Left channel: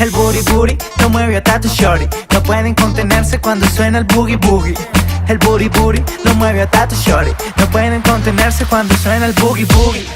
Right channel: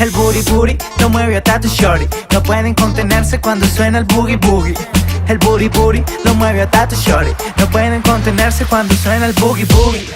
El booty booty lo mueve hasta tu shorty. No pueden contenerse cuando suena el boogie boogie. El booty booty lo mueve hasta tu shorty. No pueden contenerse cuando suena el boogie boogie.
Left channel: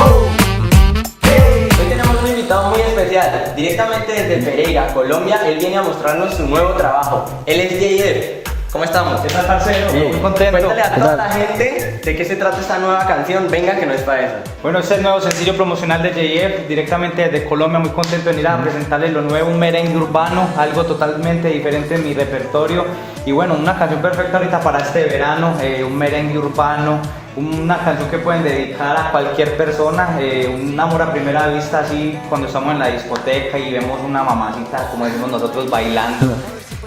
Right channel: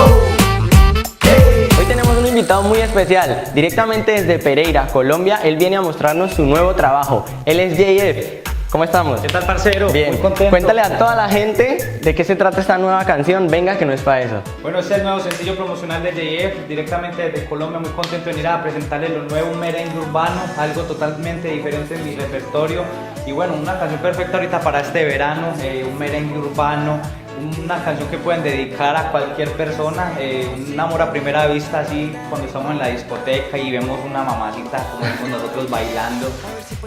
Hoy tenemos un invitado muy especial, directamente desde Pereira, Colombia. Él viene a mostrarnos su nuevo trabajo. Él es JF. ¿Cómo estamos? ¿Qué tal, parcero? Bien. Muy contento. Cuéntale a toda la gente de qué se trata esta nueva canción. Venga, que no es para eso. Bueno, este es el nuevo sencillo promocional de JF, directamente desde Colombia. Muy contento de venir a presentarles lo nuevo, un merengue urbano, algo totalmente diferente en mi repertorio. Y bueno, una canción perfecta ahorita para este verano, un merengue urbano, una canción que pueden dedicar a cualquier persona, un amor a primera vista, así cuando estamos en la discoteca y vemos una mamacita, como decimos nosotros, bailando.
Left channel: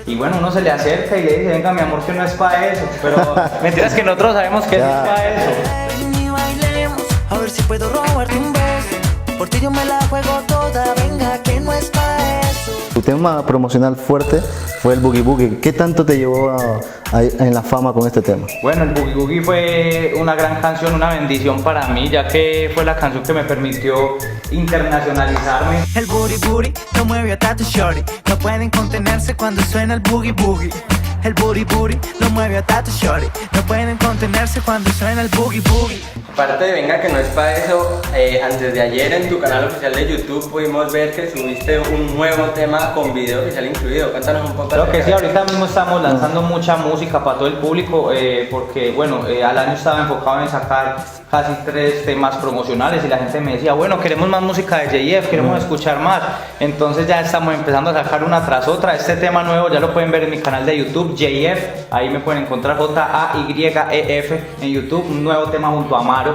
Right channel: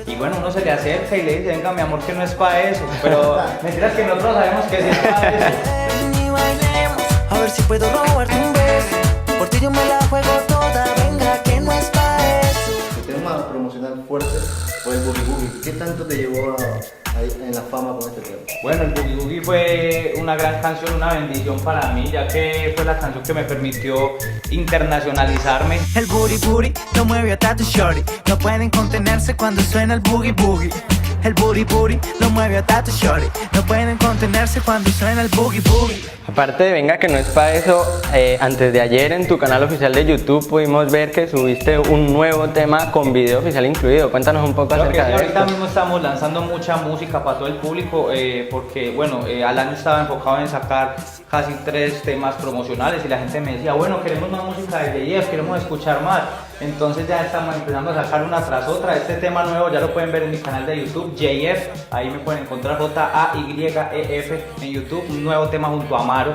Y bueno, uno se le acerca y le dice, venga mi amor, que no es para eso. Pero mentiras que nosotros sabemos que es para eso. Ven y bailemos, a ver si puedo robarte un beso. Por ti yo me la juego toda, venga que no es pa' eso. Tu tema promocional fuerte fue el Boogie Boogie. ¿Qué tanto te llevó en la fama con este tema? Bueno, el Boogie Boogie fue una gran canción, una bendición para mí, ya que fue la canción que me permitió internacionalizarme. El booty booty lo mueve hasta tu shorty. No pueden contenerse cuando suena el boogie boogie. El booty booty lo mueve hasta tu shorty. No pueden contenerse cuando suena el boogie boogie. Aparte de Venga, que no es para eso, antes de ayer en tu canal oficial de YouTube pudimos ver que subiste un nuevo tema con video oficial incluido. Cuéntanos un poco Creo que acerca sí, de ahorita eso. mismo estamos lanzando mucha música para todo el público porque bueno, al año estaba enfocado en sacar casi 3 temas promocionales y la gente me decía, bueno, queremos más música de JF, queremos escuchar más. Entonces ya estamos empezando a sacar una tras otra. Este tema nuevo ya lo pueden ver en mi canal de YouTube, JF, ahí me pueden encontrar JAYEF en YouTube, un nuevo tema junto a Amaro,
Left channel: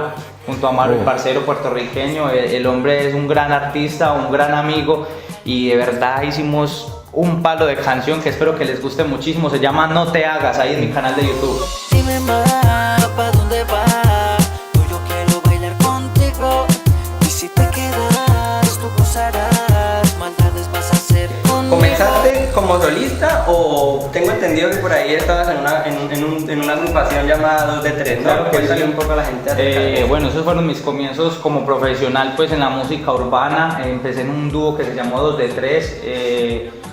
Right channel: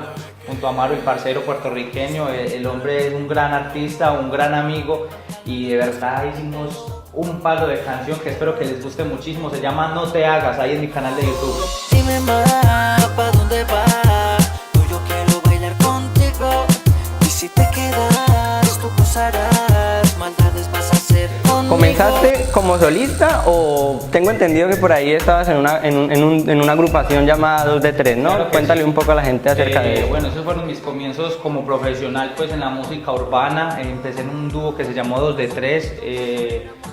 el parcero puertorriqueño. El hombre es un gran artista, un gran amigo y de verdad hicimos un palo de canción que espero que les guste muchísimo. Se llama No Te Hagas, ahí en mi canal de YouTube. Dime más, ¿pa' dónde vas? Yo quiero bailar contigo. Y si te quedas, tú gozarás. Maldades vas a hacer conmigo. ¿Comenzaste como solista o tengo entendido que por ahí estabas en una agrupación llamada 2 de 3, ¿no? Claro que Cuéntale sí. un poco a la gente acerca de eso. Bueno, esos fueron mis comienzos como profesional pues en la música urbana. Empecé en un dúo que se llamó 2 de 3,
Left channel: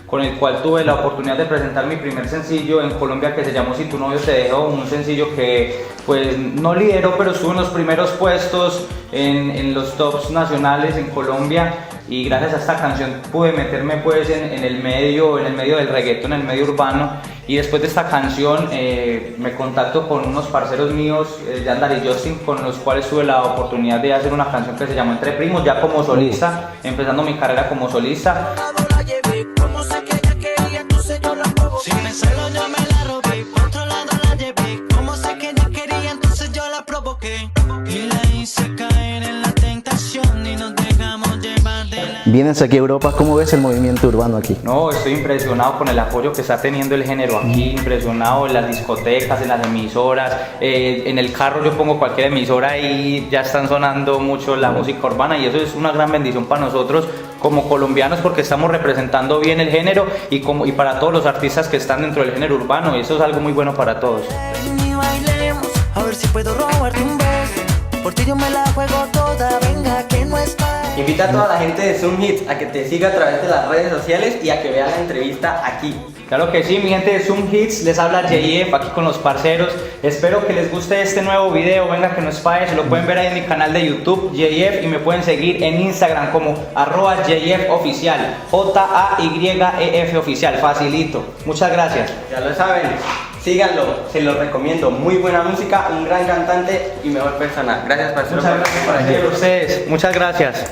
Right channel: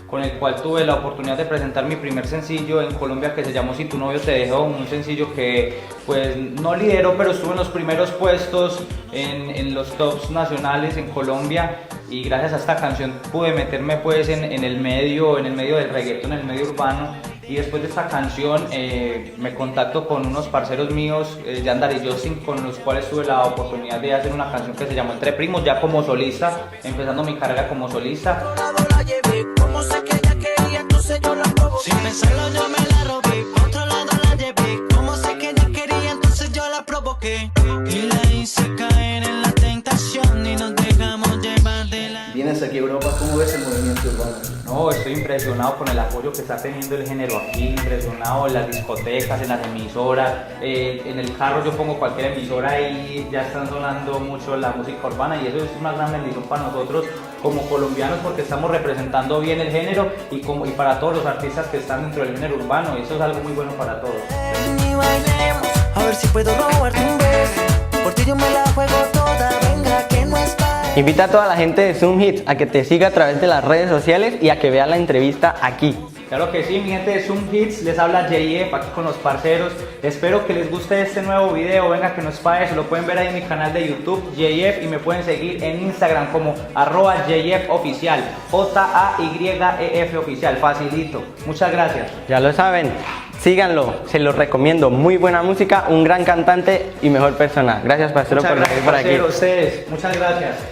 con el cual tuve la oportunidad de presentar mi primer sencillo en Colombia, que se llamó Si tu novio te dejó, un sencillo que pues no lideró, pero estuvo en los primeros puestos en los tops nacionales en Colombia. Y gracias a esta canción pude meterme pues en el medio del reggaetón, en el medio urbano. Y después de esta canción me contacto con unos parceros míos, Yandar y Justin, con los cuales tuve la oportunidad de hacer una canción que se llamó Entre Primos, ya como solista, empezando mi carrera como solista. La llevé, como sé que ella quería, entonces yo la provoqué. Sin pensarlo yo me la robé, por otro lado la llevé. Como sé que ella quería, entonces yo la provoqué. Y la hice caer en la tentación y nos dejamos llevar de la... Vienes aquí a Europa, ¿cómo ves el movimiento urbano aquí? No, estoy impresionado con el apoyo que está teniendo el género aquí, impresionado en las discotecas, en las emisoras, en el carro yo pongo cualquier emisora y ya están sonando mucho la música urbana y eso es una gran bendición para nosotros como colombianos porque estamos representando bien el género y para todos los artistas que están dentro del género urbano y eso es algo muy bueno para todos. Ven y bailemos, a ver si puedo robarte un beso. Por ti yo me la juego toda, venga que no es pa'. Invita a toda la gente de Zoom Hits a que te siga a través de las redes sociales y a que vea la entrevista aquí. Claro que sí, mi gente de Zoom Hits, les habla JF aquí con los parceros. Espero que les guste este nuevo video, venga que no es pa' eso, lo pueden ver ahí en mi canal de YouTube, JF, y me pueden seguir en Instagram como @JFOficial, JAYEF oficial, facilito. Muchas gracias. Ya lo saben, síganlo, se los recomiendo. Muy buena música, un gran cantante y mejor persona. Gracias, parcero, por venir por aquí. A ustedes, muchas gracias.